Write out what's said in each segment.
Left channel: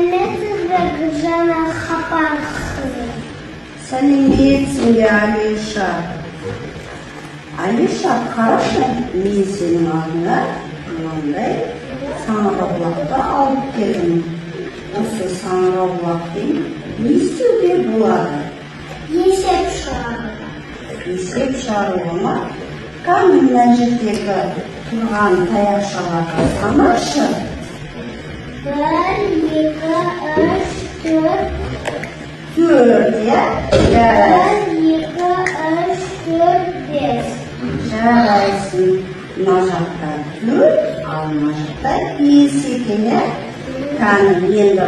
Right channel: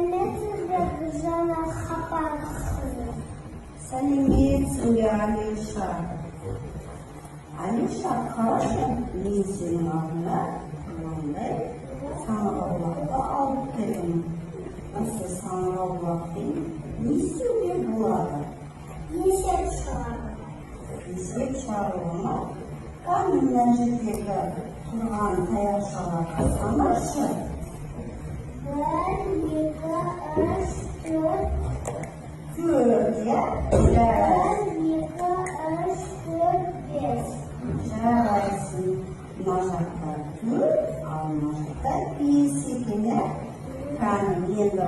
Сәлеметсіз бе Гүлжан Хапарқызы? Сәлеметсің бе, Алиша? Алиша, қарашы, мен сенің алдыңа мынандай саңырауқұлақты алып келдім. Осы саңырауқұлақпен не істеуге болады? Есеп шығаруға. Есеп шығаруға ма? Кәне мына жердегі тұрған таяқшаларды санашы. 1, 2, 3, 4. 4, иә? 1, 2, 3, 4, 5. Жарайсың. Мына жақта 4, ал мына жақта 5 екен, иә? Кәне енді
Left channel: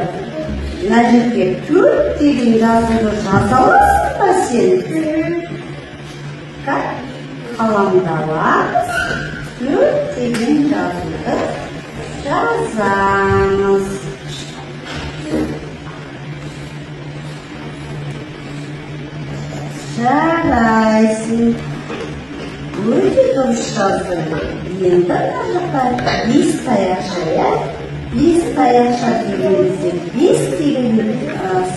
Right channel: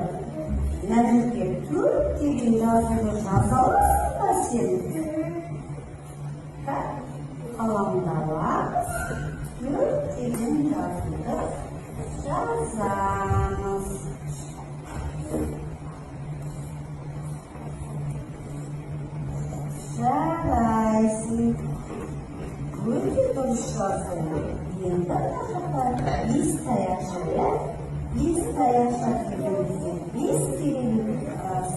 мына жерге 4 деген жазуды жаза аласың ба сен? Қаламды аламыз, 4 деген жазуды жазамыз. Жарайсың. Өте дұрыс жаздың. Енді мына жақта 5 таяқша, иә? 5 таяқша дегенімізде 5 деген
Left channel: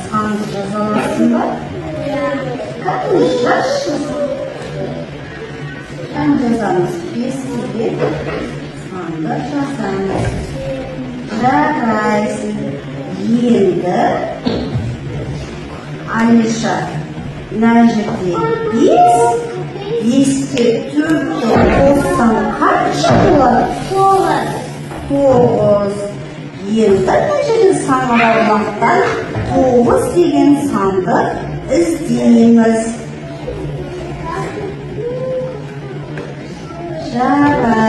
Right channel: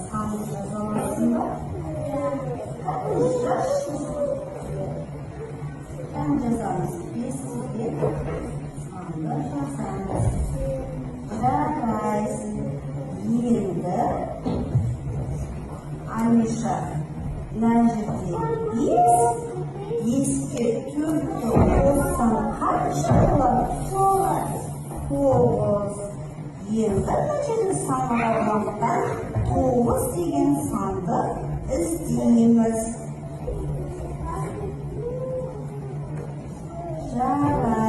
санды жаза аласың ба? Кәне жазшы. Жазамыз 5 деген санды жазамыз. Жарайсың. Енді Алиша, мына жерде 5, 5-ке 4-ті қоссаң қанша болады? 9. Енді мына жерде саңырауқұлақтан 9 деген санды іздейміз. Жарайсың.